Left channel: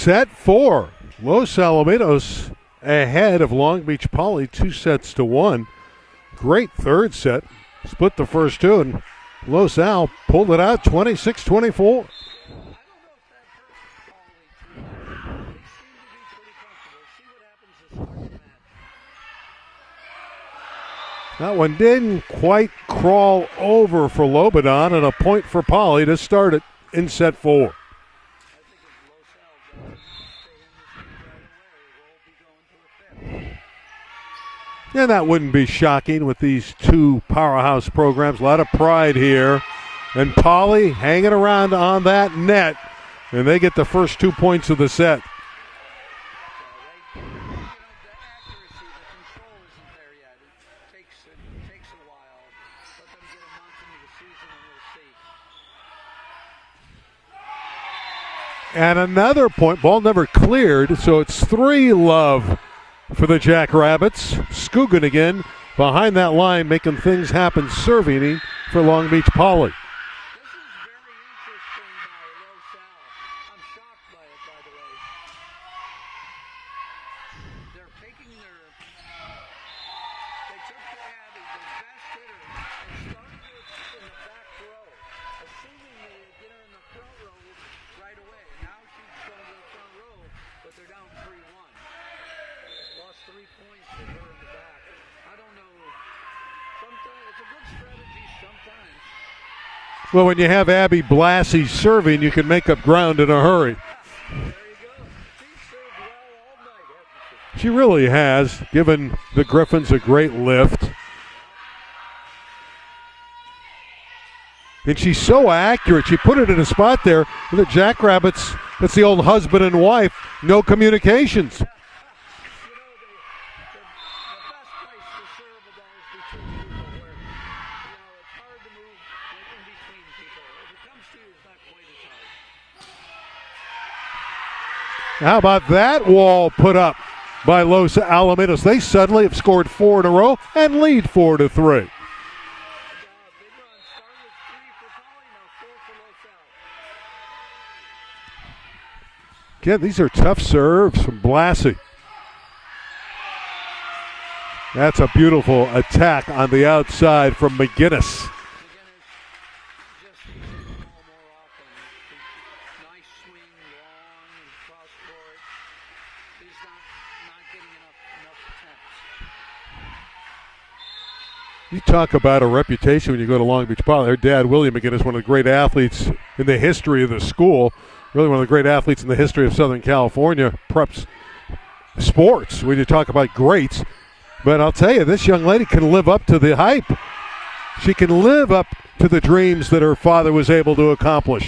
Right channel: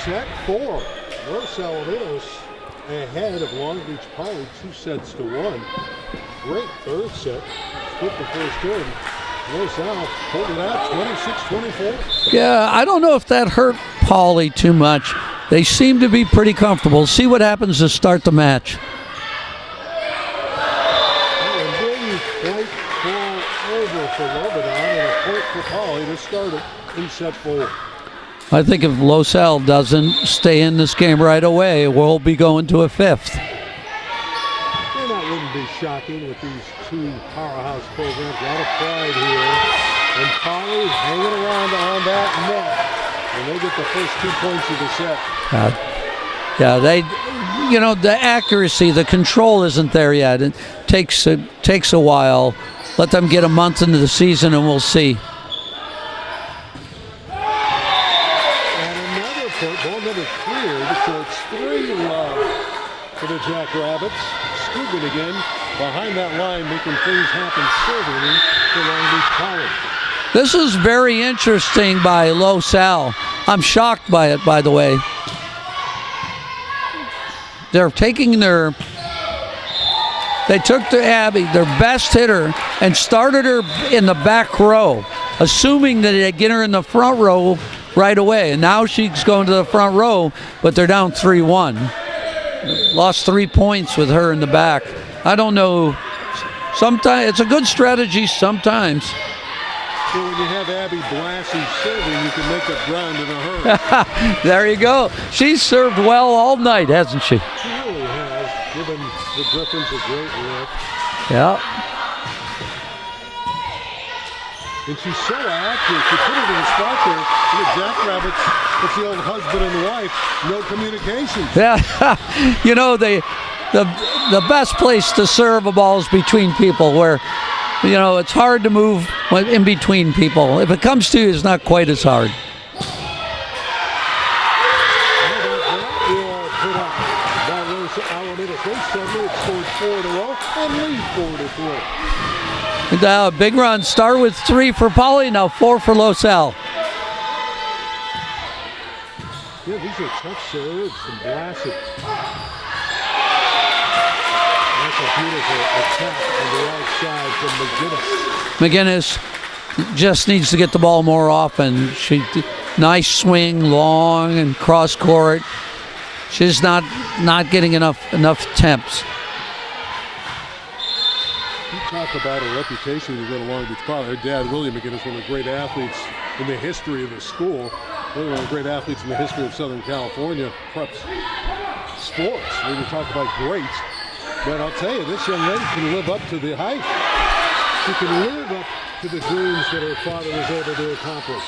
Set 4. Los Alamitos ahead of Long Beach Poly 2-1. Great third set. Split the first two, and Los Al pulled it out 26-24. Yeah, I don't know if that hurt Poly too much. They seem to be pretty comfortable. See what happens to start the match. That one didn't quite crawl over for Lobanon, and a point for Poly to start it in set 4. I think if Los Al doesn't stay in this game right away, we'll be going to a fifth. And that wouldn't be shocking with these two powerhouse programs. A lot of pride here. And Poly hanging around on that net, and they get the first 2 points of the set. Yeah, the accuracy, the control isn't there yet. It takes a while. Let them get a month into the season, and we'll see. And another point, ball never cleared, so it's 3-love for the Jackrabbits. Scoogin again behind that line, making things happen, serving for Long Beach Poly. This is very interesting by Los Al. I'm shocked by it, by the way. They're taking they took to Abby, their best hitter, and started her in the back row, assuming that they'd get her in the front row right away. And now she's going to the front row, but they're down 3-1. Lost 3 points with her in the back. I don't know. Sometimes it's a good strategy sometimes. Well, when you have Abby Blassie serving, you can make up ground in a hurry. There you go. She's served well all night, hasn't she? She really has, given the Griffins a great lift. Yeah. And she's so accurate. She put it in a spot there. The Jackrabbits, it's the old husband and wife, no communications. Yeah. The best place to serve a ball is between people, where it's hard to move in between people. If it comes to you, it's not quite as hard. How about that wall put up by Los Alamitos? They suddenly have scored 4 in a row and lead 4-3. Big run. Start with 3 for Poly, now 4 for Los Al. Yeah, these are tough serves from Blassie. That's a beautiful attack on the outside from McGinnis. McGinnis just needs to get the ball more often. Nice swing, long and cross court. She's not getting enough attempts. You talk about a reputation when you go to Long Beach Poly. Her dad, William McGinnis, one of the great athletes in the history of the school. Really one of the great athletes in the history of Southern California preps sports when you talk about greats. But I'll tell you, this young lady can live up to the hype. She can live up to the dreams that her father was able to accomplish.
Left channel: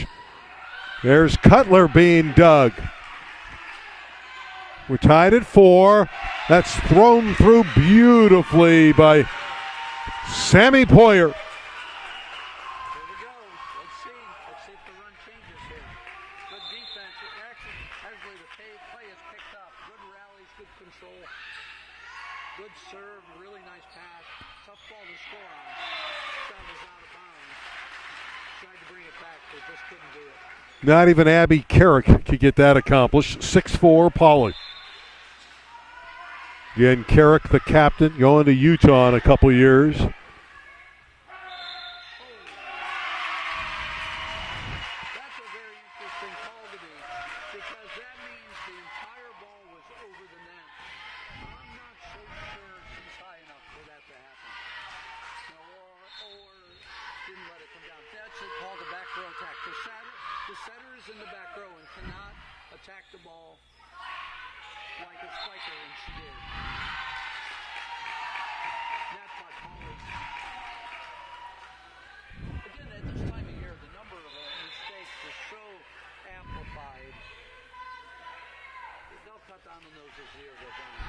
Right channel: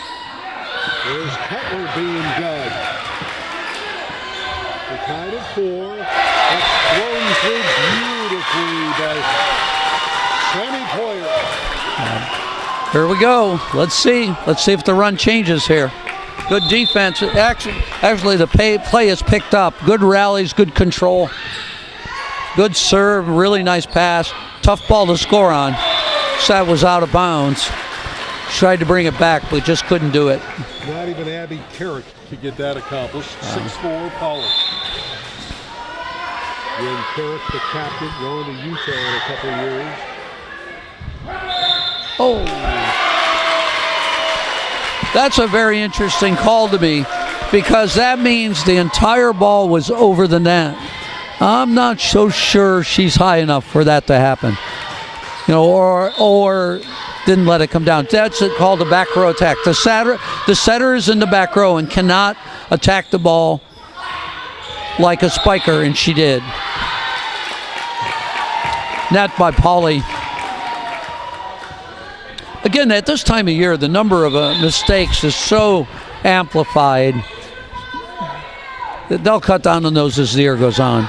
There's Cutler being dug. We're tied at 4. That's thrown through beautifully by Sammy Poyer. Here we go. Let's see if the run changes here. Good defense. Actually the play is picked up. Good rallies, good control. Good serve, really nice pass. Tough ball to score on. That was out of bounds. Tried to bring it back, but just couldn't do it. Not even Abby Carrick could get that accomplished. 6-4 Pollard. Again, Carrick, the captain, going to Utah in a couple years. Oh. That's a very interesting call to me, because that means the entire ball was over the net. I'm not so sure she's high enough for that to happen. Or didn't let it come down. That's called a back row attack. The setter is in the back row and cannot attack the ball like a spiker, and she did. Net by Poly. Again, at this time of year, the number of mistakes is so amplified that they'll cut down on those as the year goes on.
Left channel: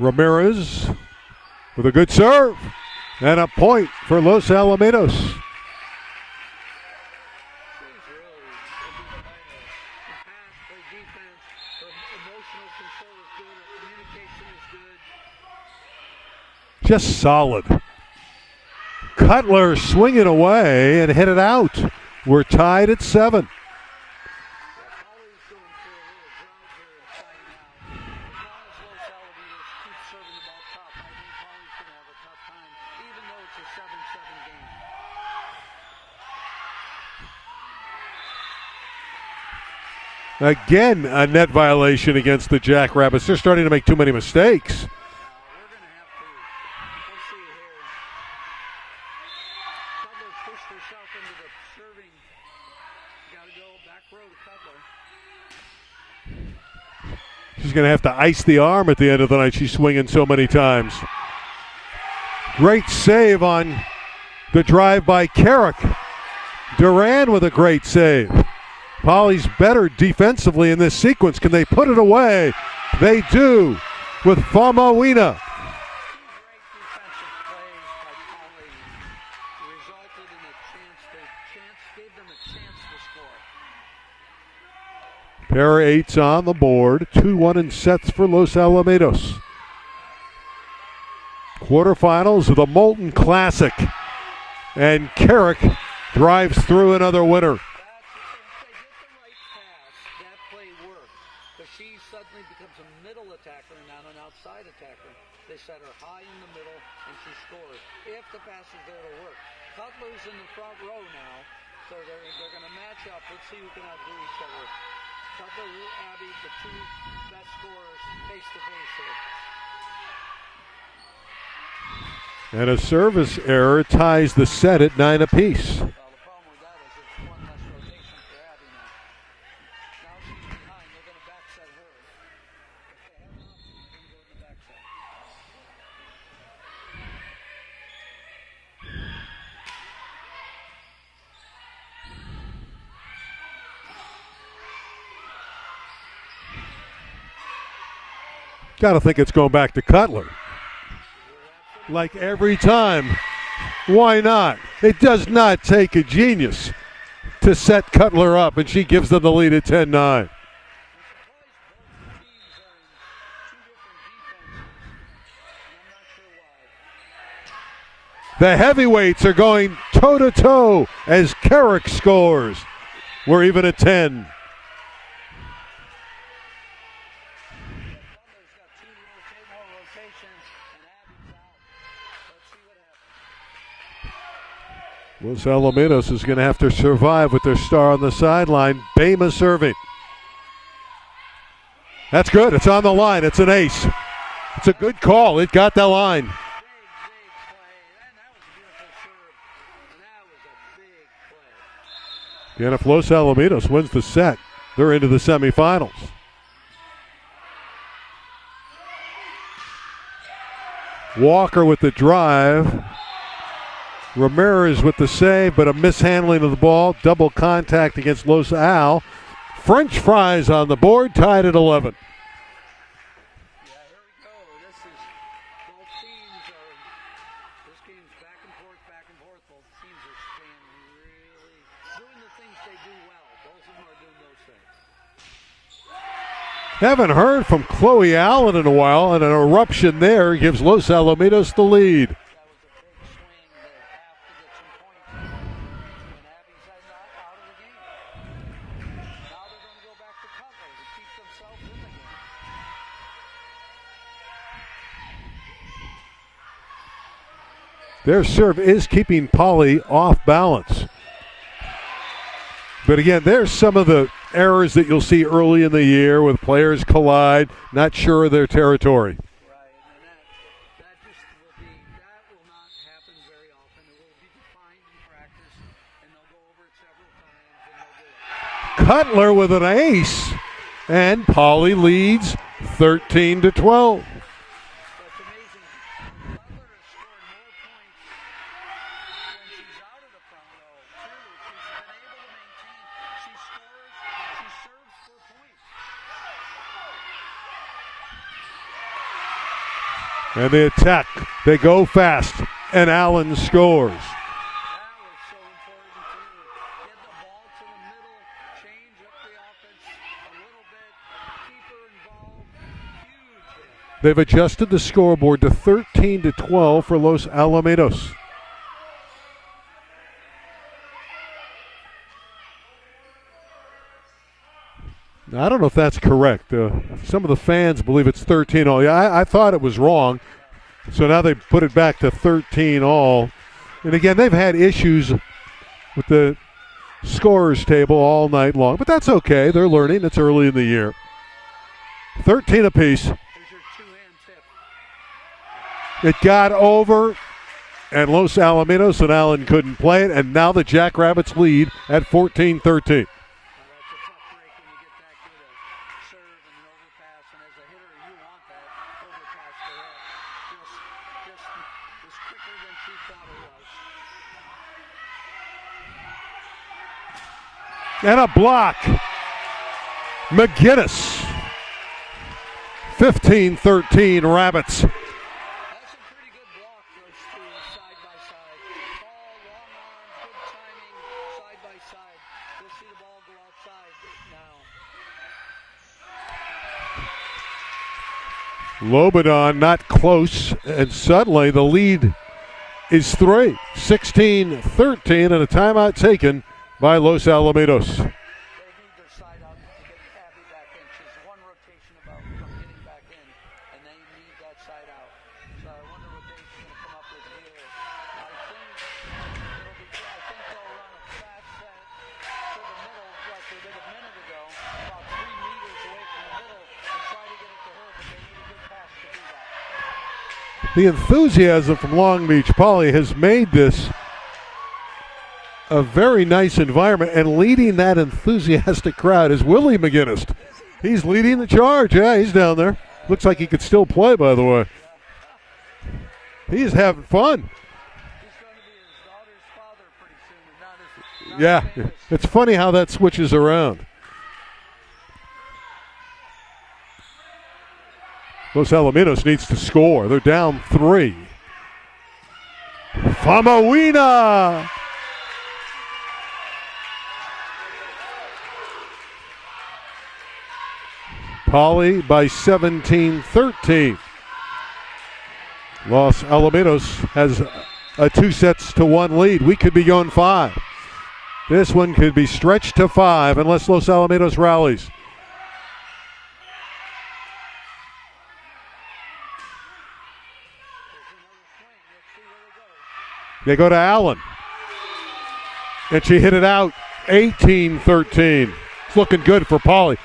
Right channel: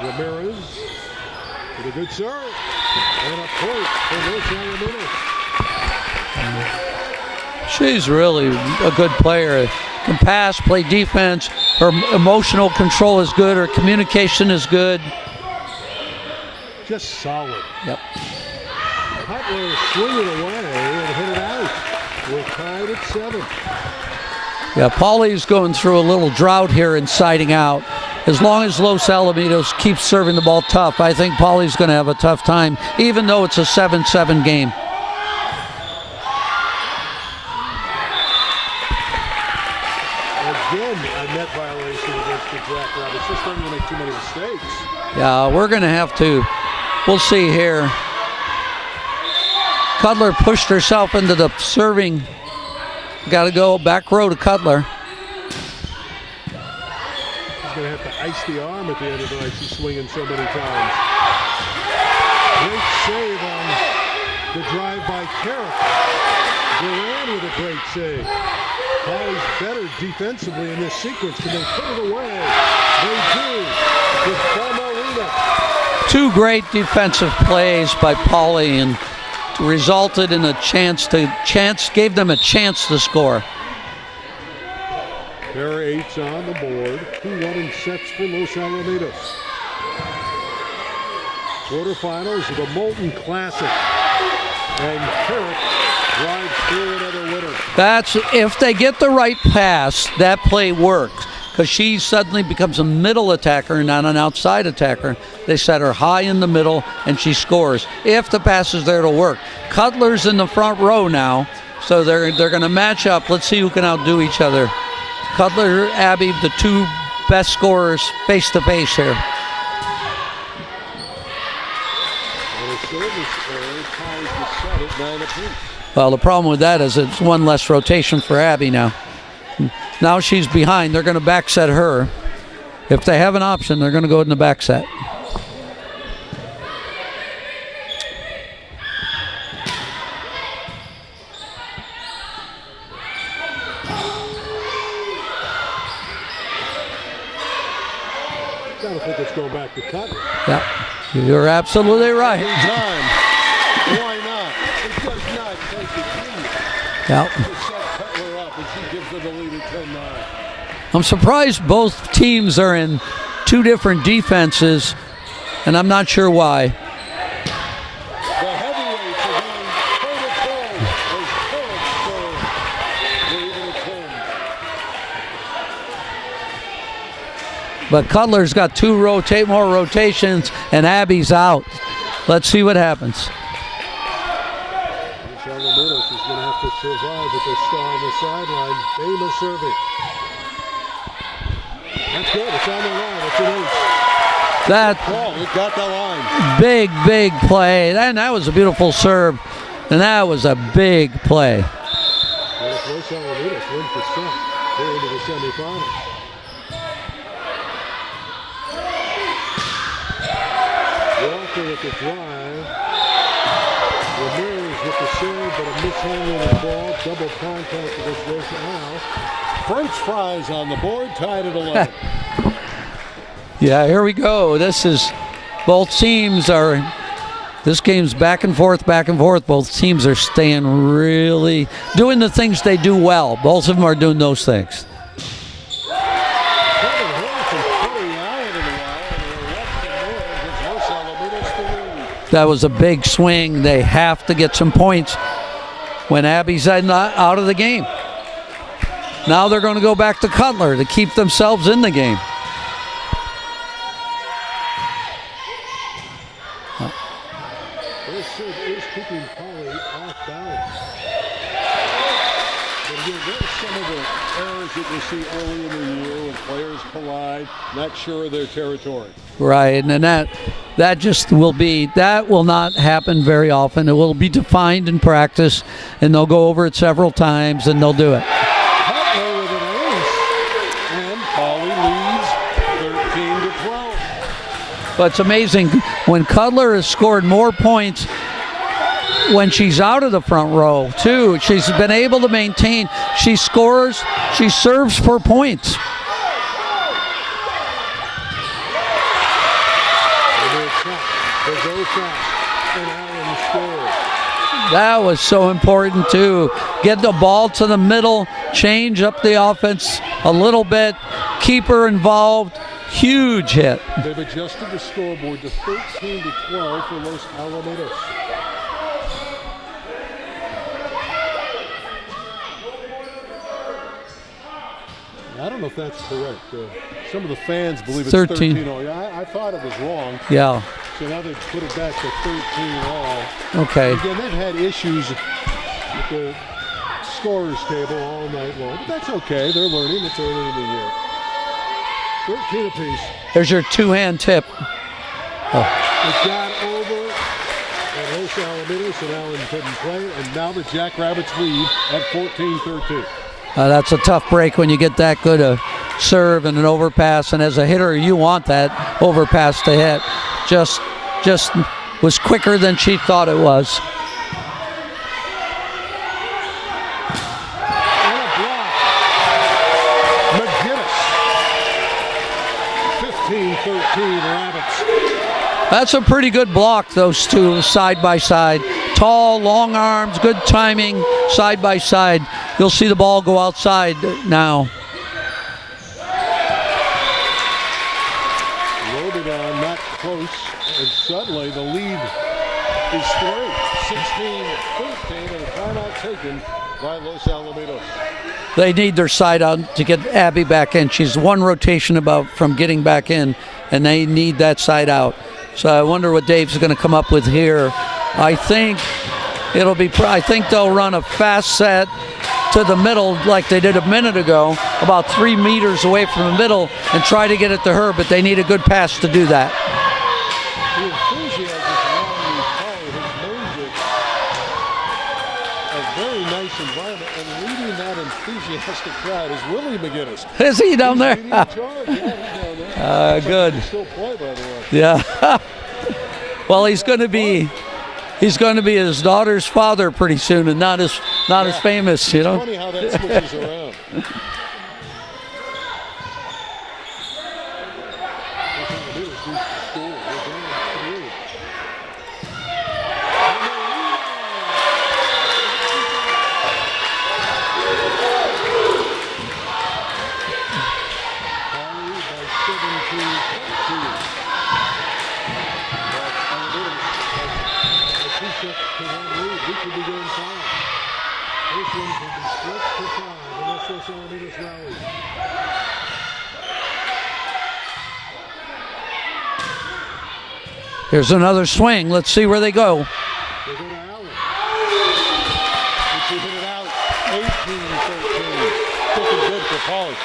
Ramirez with a good serve and a point for Los Alamitos. She's really a good player. Can pass, play defense. Her emotional control is good. Her communication is good. Just solid. Yep. Cutler swinging away and hit it out. We're tied at 7. Yeah, Paulie's going through a little drought here in siding out. As long as Los Alamitos keeps serving the ball tough, I think Paulie's going to have a tough time, even though it's a 7-7 game. Again, a net violation against the Jackrabbits. They're starting to make too many mistakes. Yeah, we're going to have to. We'll see here. Cutler pushed herself into the serving. Got to go back row to Cutler. She's going to have to ice the arm at the end of the night. She's swinging so many times. Great save on the drive by Carrick. Duran with a great save. Paulie's better defensively in this sequence. Can they put it away? They do with Famuina. 2 great defensive plays by Paulie and resulted in gave them a chance to score. Pair 8's on the board. 2-1 in sets for Los Alamitos. Quarterfinals of the Molten Classic. And Carrick drives through another winner. That's if they get the right pass, that play works. Because she suddenly becomes a middle attacker, not an outside attacker. They set her high in the middle, and she scores. If the pass is there to work. Cutler's in the front row now, so they're going to match up. Let's see who can outdo each other. Cutler, Abby, the 2 best scorers face-to-face here. And a service error ties the set at 9 apiece. Well, the problem with that is it's 1 less rotation for Abby now. Now she's behind. They're going to back set her. If they have an option, they're going to go in the back set. Got to think it's going back to Cutler. Yeah, you're absolutely right. Every time. Why not? It does not take a genius to set Cutler up, and she gives them the lead at 10-9. I'm surprised both teams are in 2 different defenses, and I'm not sure why. The heavyweights are going toe-to-toe as Carrick scores. We're even at 10. But Cutler's got 2 more rotations, and Abby's out. Let's see what happens. Los Alamitos is going to have to survive with their star on the sideline. Bama serving. That's good. It's on the line. It's an ace. It's a good call. It got the line. Big play. And that was a beautiful serve. And that was a big play. And if Los Alamitos wins the set, they're into the semifinals. Walker with the drive. Ramirez with the save, but a mishandling of the ball. Double contact against Los Al. French fries on the board, tied at 11. Yeah, here we go. This game's back and forth. Both teams are staying really, doing the things they do well. Both of them are doing those things. Haven't heard from Chloe Allen in a while, and an eruption there gives Los Alamitos the lead. That was a big swing. They have to get some points when Abby's out of the game. Now they're going to go back to Cutler to keep themselves in the game. Their serve is keeping Paulie off balance. But again, there's some of the errors that you'll see early in the year with players collide, not sure of their territory. Right, and that will not happen very often. It will be defined in practice, and they'll go over it several times, and they'll do it. Cutler with an ace, and Paulie leads 13-12. But it's amazing when Cutler has scored more points when she's out of the front row, too. She's been able to maintain. She scores, she serves for points. And they attack. They go fast, and Allen scores. That was so important, too. Get the ball to the middle, change up the offense a little bit, keep her involved. Huge hit. They've adjusted the scoreboard to 13-12 for Los Alamitos. I don't know if that's correct. Some of the fans believe it's 13 all. Yeah, I thought it was wrong. Yeah. So now they put it back to 13 all. Okay. And again, they've had issues with the scorers table all night long, but that's okay. They're learning. It's early in the year. 13 apiece. There's your two-hand tip. Oh. It got over, and Los Alamitos and Allen couldn't play it, and now the Jackrabbits lead at 14-13. That's a tough break when you get that good a serve and an overpass, and as a hitter, you want that overpass to hit. Just was quicker than she thought it was. And a block. McGinnis. 15-13 Rabbits. That's a pretty good block, those two side by side. Tall, long arms, good timing, side by side. You'll see the ball go outside now. Lobodon not close, and suddenly the lead is 3. 16-13 and a timeout taken by Los Alamitos. They need their side out to get Abby back in. She's one rotation about from getting back in, and they need that side out. So I wonder what Dave's going to come up with here. I think they'll run a fast set to the middle like they did a minute ago, about 3 meters away from the middle, and try to get it to her, but they need a good pass to do that. The enthusiasm from Long Beach Poly has made this a very nice environment, and leading that enthusiastic crowd is Willie McGinnis. Is he down there? He's leading the charge. Yeah, he's down there. Looks like he can still play, by the way. Yeah. Well, he's going to be his daughter's father pretty soon, and not as famous. It's funny how that switches around. Los Alamitos needs to score. They're down 3. Famawina. Poly by 17-13. Los Alamitos has a 2-1 lead. We could be going 5. This one could be stretched to 5 unless Los Alamitos rallies. Here's another swing. Let's see where they go. They go to Allen. And she hit it out. 18-13. Looking good for Poly.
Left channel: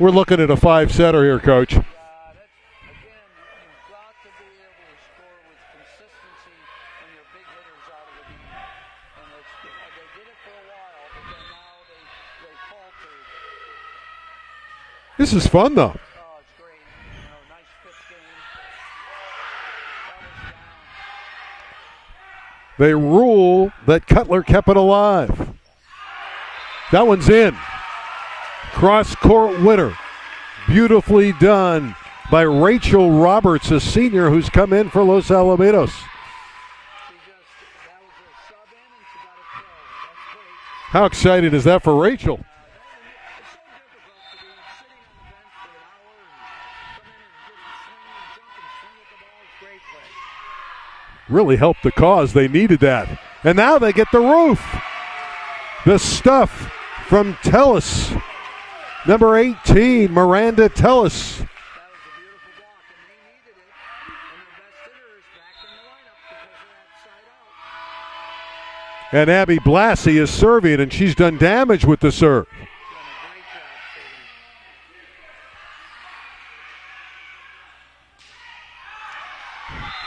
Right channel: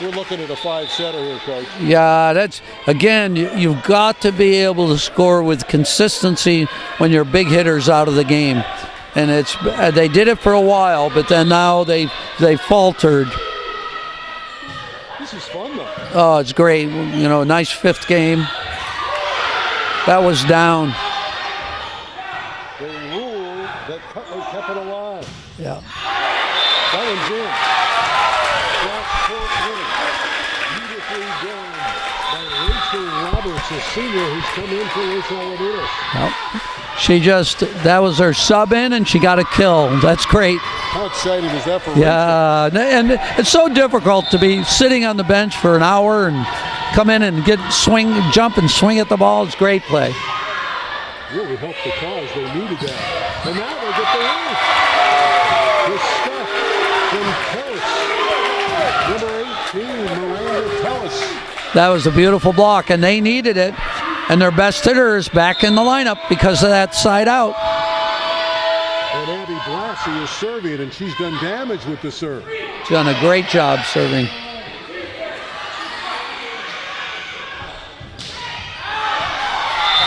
We're looking at a 5-setter here, Coach. Yeah, that's, again, you've got to be able to score with consistency when your big hitter's out of the game. And they did it for a while, but then now they faltered. This is fun, though. Oh, it's great. You know, nice 5th game. That was down. They rule that Cutler kept it alive. Yeah. That one's in. Cross-court winner. Beautifully done by Rachel Roberts, a senior who's come in for Los Alamitos. Well, that was her sub in, and she got a kill. That's great. How excited is that for Rachel? Yeah, and it's so difficult to be sitting on the bench for an hour and come in and jump and swing at the ball. It's great play. Really helped the cause. They needed that. And now they get the roof. The stuff from Tellis. Number 18, Miranda Tellis. That was a beautiful block, and they needed it. And their best hitter is back in the lineup because of that side out. And Abby Blassie is serving, and she's done damage with the serve. She's done a great job serving.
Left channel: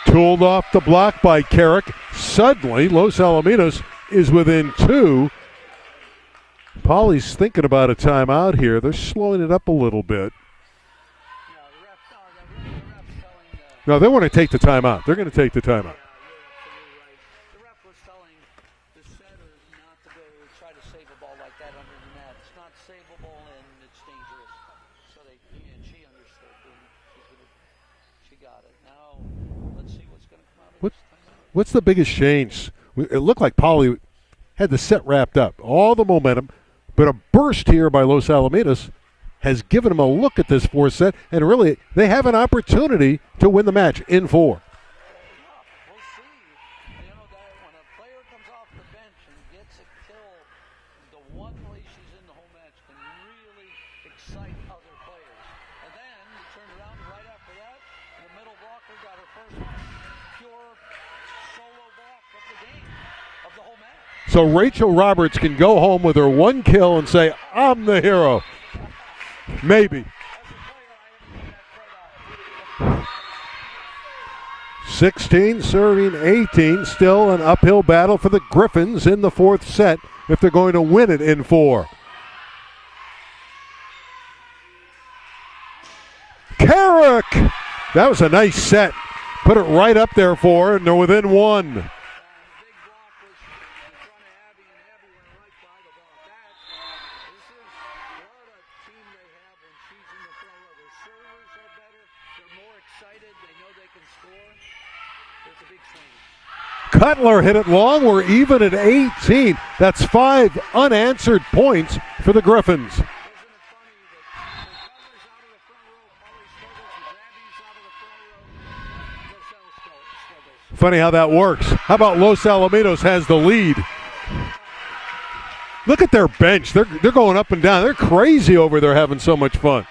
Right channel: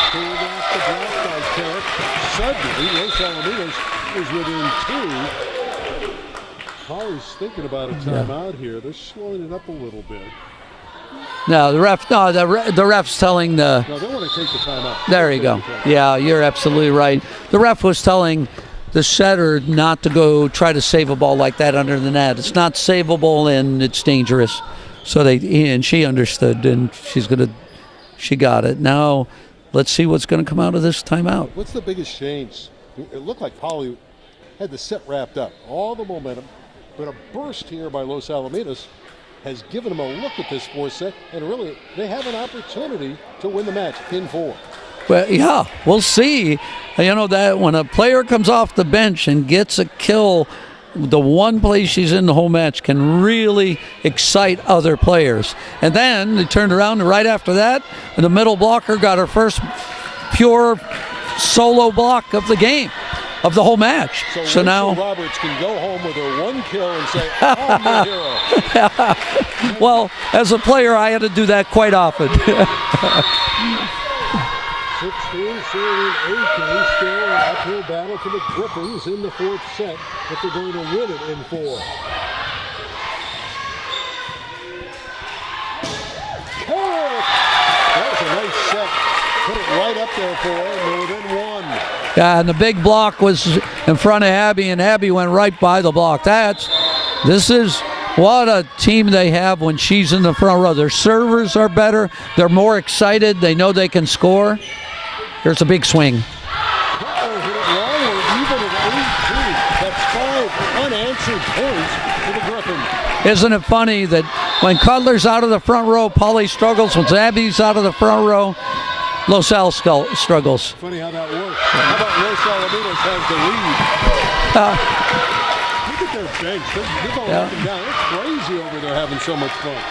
Pulled off the block by Carrick. Suddenly, Los Alamitos is within 2. Poly's thinking about a timeout here. They're slowing it up a little bit. No, the ref's telling the... No, they want to take the timeout. There you go. Yeah, you're absolutely right. The ref was telling the setter not to go try to save a ball like that under the net. It's not savable and it's dangerous. So she understood, and she got it. Now, let's see what's going to come out of this timeout. What's the biggest change? It looked like Poly had the set wrapped up. All the momentum, but a burst here by Los Alamitos has given them a look at this fourth set, and really they have an opportunity to win the match in 4. Well, yeah, we'll see. You know that when a player comes off the bench and gets a kill, the one play she's in the whole match can really excite other players. And then they turned around, and right after that, the middle blocker got her first pure solo block of the game, of the whole match. So Rachel now, Roberts can go home with her 1 kill and say, I'm the hero. Maybe. well, as a player, I had to do that quite often. 16 serving 18, still an uphill battle for the Griffins in the fourth set if they're going to win it in 4. Carrick! That was a nice set. Put it right up there for her, and they're within 1. Yeah, and the big block was in front of Abby, and Abby went right by the block. This is what a team they have when she's in the front row. Their servers are better. They're more excited. They know they can score. Here's a big swing. Cutler hit it long. We're even at 18. That's 5 unanswered points for the Griffins. Isn't it funny that when Cutler's out of the front row, Polly struggles. When Abby's out of the front row, Los Al struggles. Funny how that works. How about Los Alamitos has the lead? Look at their bench. They're going up and down. They're crazy over there having so much fun.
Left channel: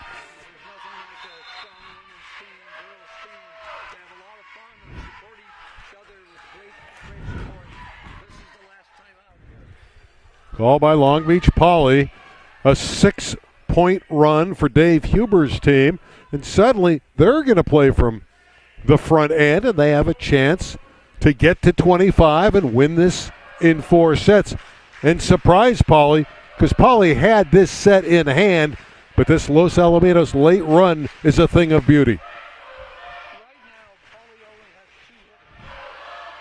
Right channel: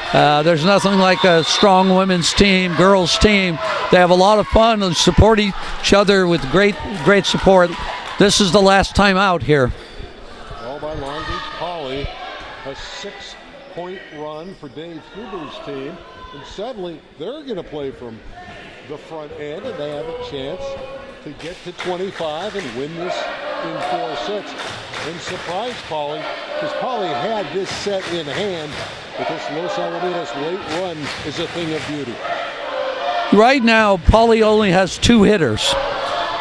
There's nothing like a strong women's team, girls team. They have a lot of fun and support each other with great support. This is the last time out here. All by Long Beach Poly. A 6-point run for Dave Huber's team. And suddenly they're going to play from the front end, and they have a chance to get to 25 and win this in 4 sets. And surprise Poly, because Poly had this set in hand, but this Los Alamitos late run is a thing of beauty. Right now, Poly only has 2 hitters.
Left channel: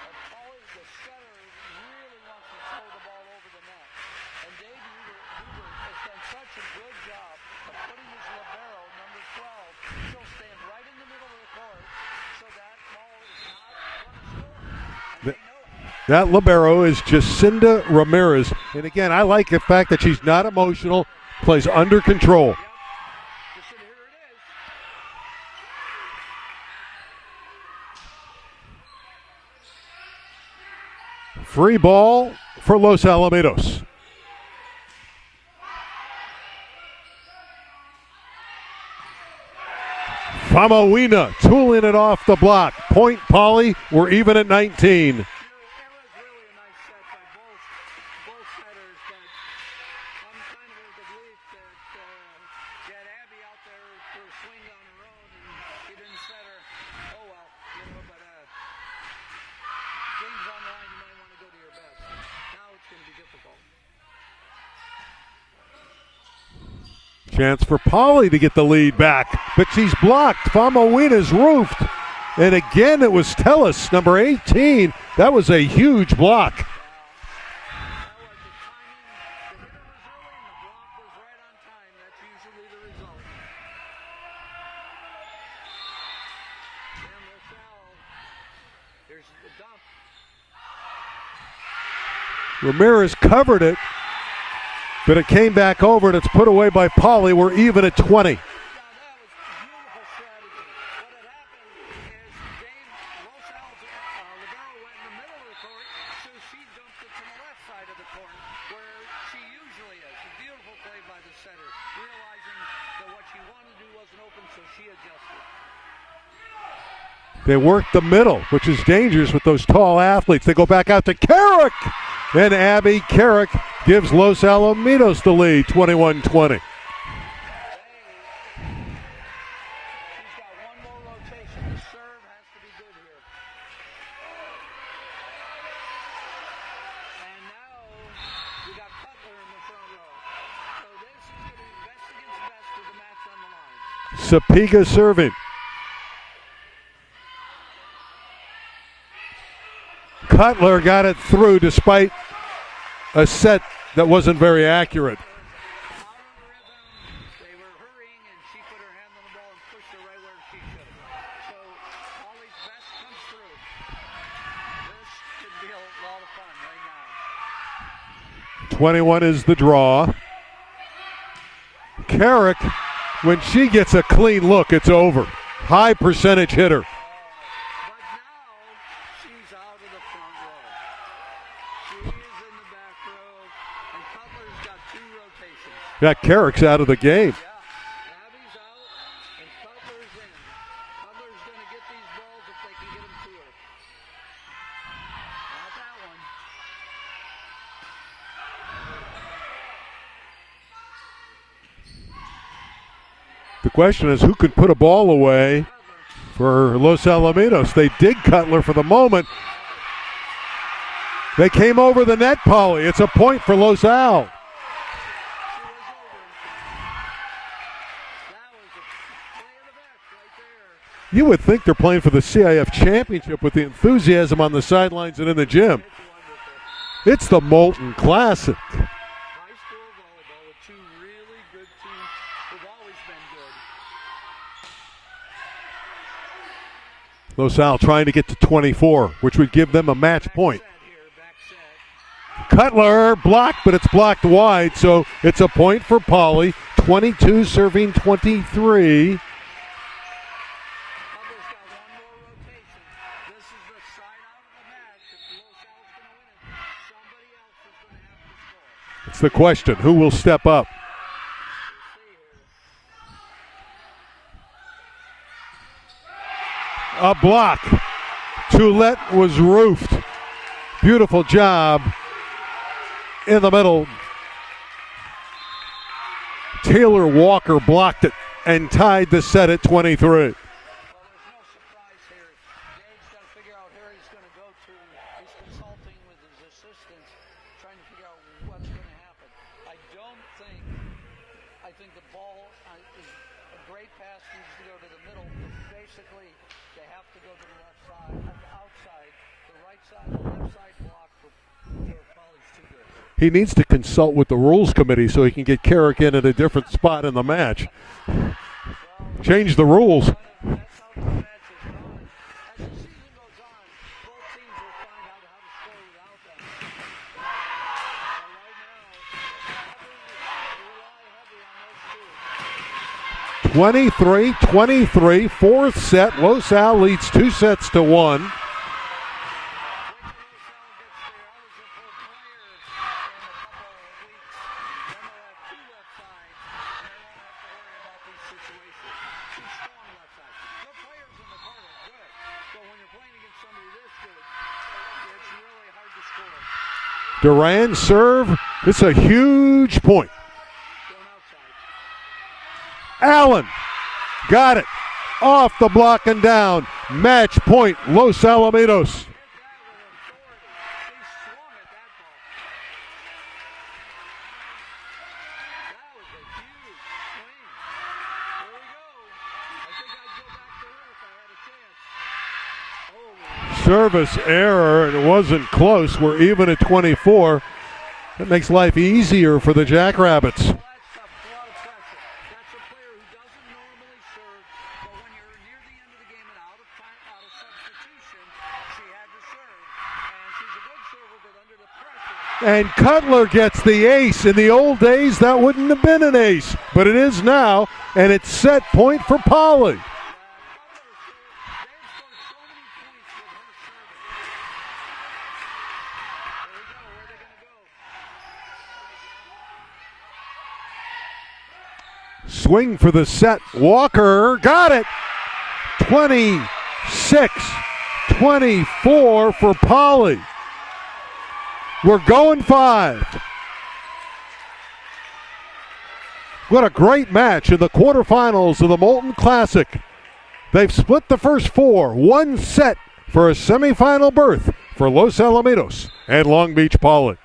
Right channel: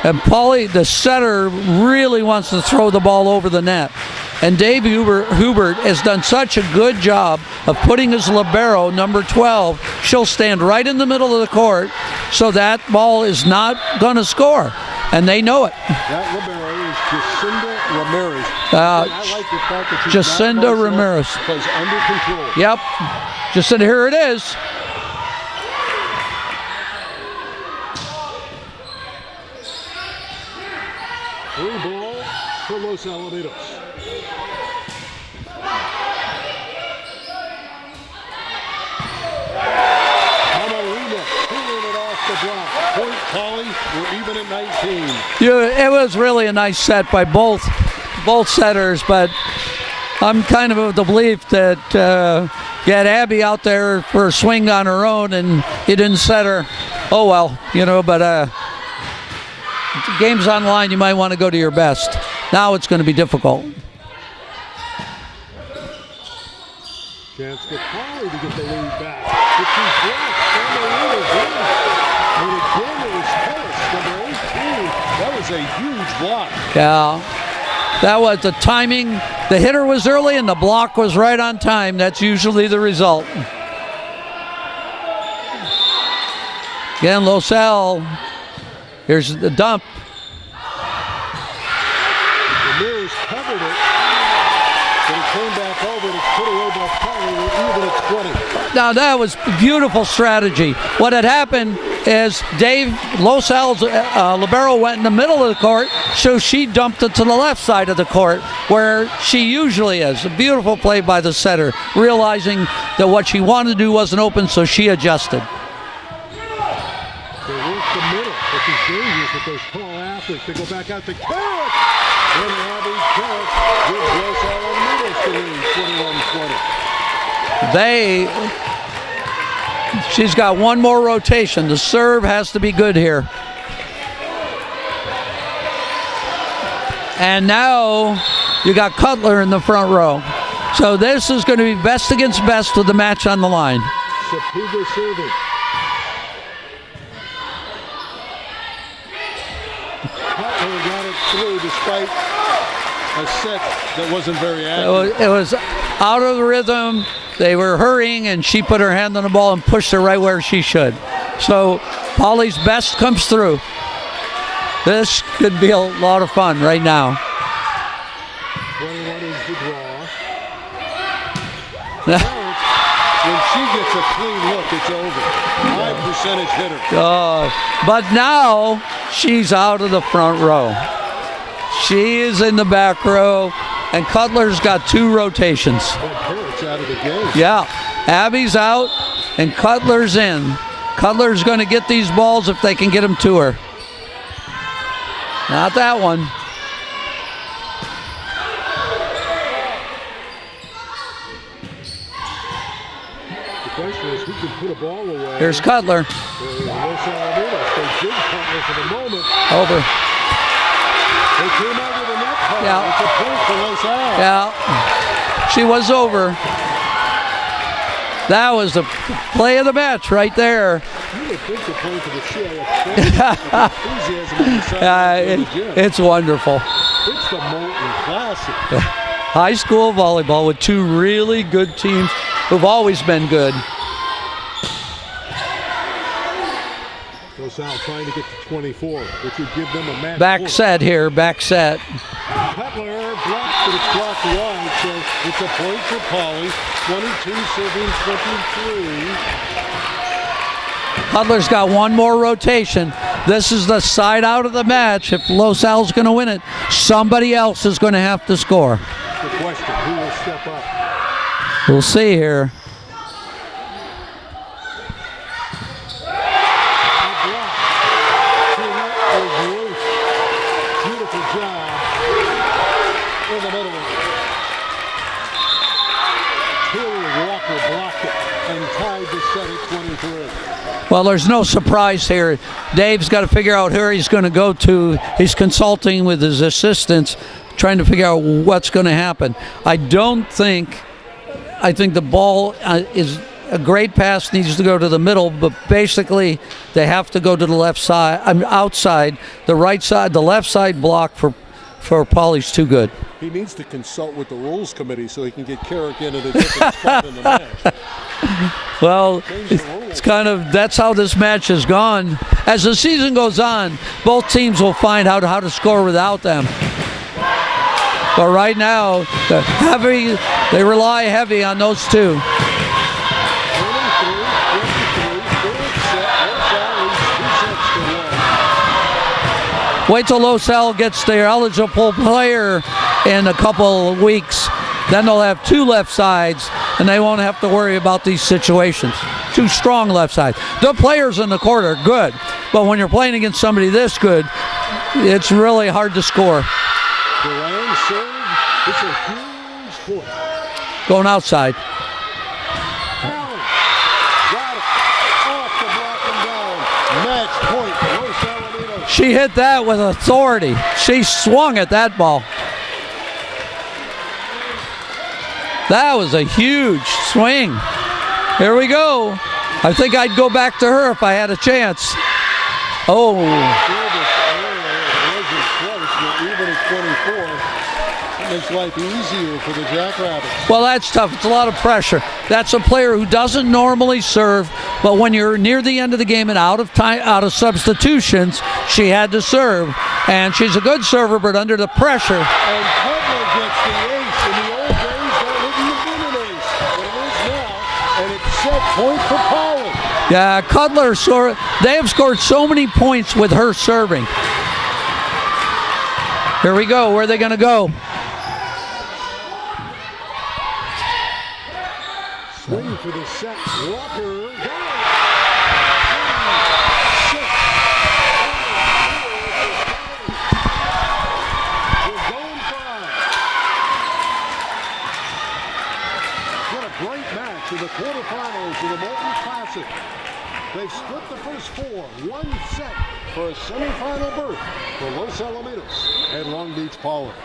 And Poly, the setter, really wants to throw the ball over the net. And Dave Hubert has done such a good job of putting his libero, number 12. She'll stand right in the middle of the court, so that ball is not going to score. And they know it. That libero is Jacinda Ramirez. Again, I like the fact that she's Jacinda not emotional, Ramirez plays under control. Yep. Jacinda, here it is. Free ball for Los Alamitos. Kamawina tooling it off the block. Point Poly, we're even at 19. It was really a nice set by both setters, but I'm kind of the belief that you had Abby out there for a swing on her own and you didn't set her. Oh well, but the game's online, you might want to go to your best. Now it's going to be difficult. Chance for Poly to get the lead back, but she's blocked. Kamawina's roof. And again, it was Tellis, number 18. That was a huge block. Yeah, that was the timing. The hitter was early and the block was right on time. That's usually the result. Again, Los Al. Here's the dump. Ramirez covered it, but it came back over and it's put away by Poly. We're even at 20. Now that was beautiful strategy. What had happened is Los Al's libero went in the middle of the court, so she dumped it to the left side of the court where she usually is. A beautiful play by the setter, realizing that what she wanted to do wasn't open, so she adjusted. They work the middle, which is dangerous with those tall athletes. They go back out to Carrick, and Abby Carrick gives Los Alamitos the lead, 21-20. She's got one more rotation. The serve has to be good here. And now you got Cutler in the front row. So this is going to be best against best with the match on the line. Sapiga serving. Cutler got it through despite a set that wasn't very accurate. It was out of the rhythm. They were hurrying, and she put her hand on the ball and pushed her right where she should. So Polly's best comes through. This could be a lot of fun right now. 21 is the draw. Carrick When she gets a clean look, it's over. High percentage hitter. But now she's out of the front row. She is in the back row, and Cutler's got 2 rotations. That Carrick's out of the game. Yeah, Abby's out, and Cutler's in. Cutler's going to get these balls if they can get them to her. Not that one. The question is, who could put a ball away? There's Cutler. For Los Alamitos. They did Cutler for the moment. Over. They came over the net, Polly. Yeah. It's a point for Los Al. Yeah, she was over. That was the play of the match right there. You would think they're playing for the CIF championship with the enthusiasm on the sidelines of the gym. It's wonderful. It's the Molten Classic. High school volleyball with 2 really good teams who've always been good. Los Al trying to get to 24, which would give them a match Back point. set here, back set. Cutler blocked, but it's blocked wide, so it's a point for Polly. 22 serving 23. Cutler's got 1 more rotation. This is the side out of the match. If Los Al's going to win it, somebody else is going to have to score. It's the question, who will step up? We'll see here. A block. Toulette was roofed. Beautiful job in the middle. Taylor Walker blocked it and tied the set at 23. Well, there's no surprise here. Dave's got to figure out who he's going to go to. He's consulting with his assistants, trying to figure out what's going to happen. I think the ball is a great pass, needs to go to the middle, but basically they have to go to the left side, outside, the right side, the left side block for Polly's too good. He needs to consult with the rules committee so he can get Carrick in at a different spot in the match. Well, change the rules. It's that's how this match has gone. As the season goes on, both teams will find out how to score without them. But right now, they rely heavy on those 2. 23-23, 4th set. Los Al leads 2 sets to 1. Wait till Los Al gets their eligible player in a couple of weeks. Then they'll have 2 left sides, and they won't have to worry about these situations. 2 strong left sides. The players in the court are good, but when you're playing against somebody this good, it's really hard to score. Duran serve. This is a huge point. Going outside. Allen got it. Off the block and down. Match point, Los Alamitos. She hit that with authority. She swung at that ball. That was a huge swing. Here we go. I think I'd go back to her if I had a chance. Oh. Service error. It wasn't close. We're even at 24. It makes life easier for the Jackrabbits. Well, that's tough. It's a lot of pressure. That's a player who doesn't normally serve, but when you're near the end of the game and out of time, out of substitutions, she had to serve. And she's a good server, but under the pressure. And Cutler gets the ace. In the old days, that wouldn't have been an ace, but it is now, and it's set point for Polly. Yeah, Cutler, they have scored so many points with her serving. Here we go. Where are they going to go? Swing for the set. Walker got it. 26-24 for Polly. We're going 5. What a great match in the quarterfinals of the Molten Classic. They've split the first 4, 1 set for a semifinal berth for Los Alamitos and Long Beach Poly.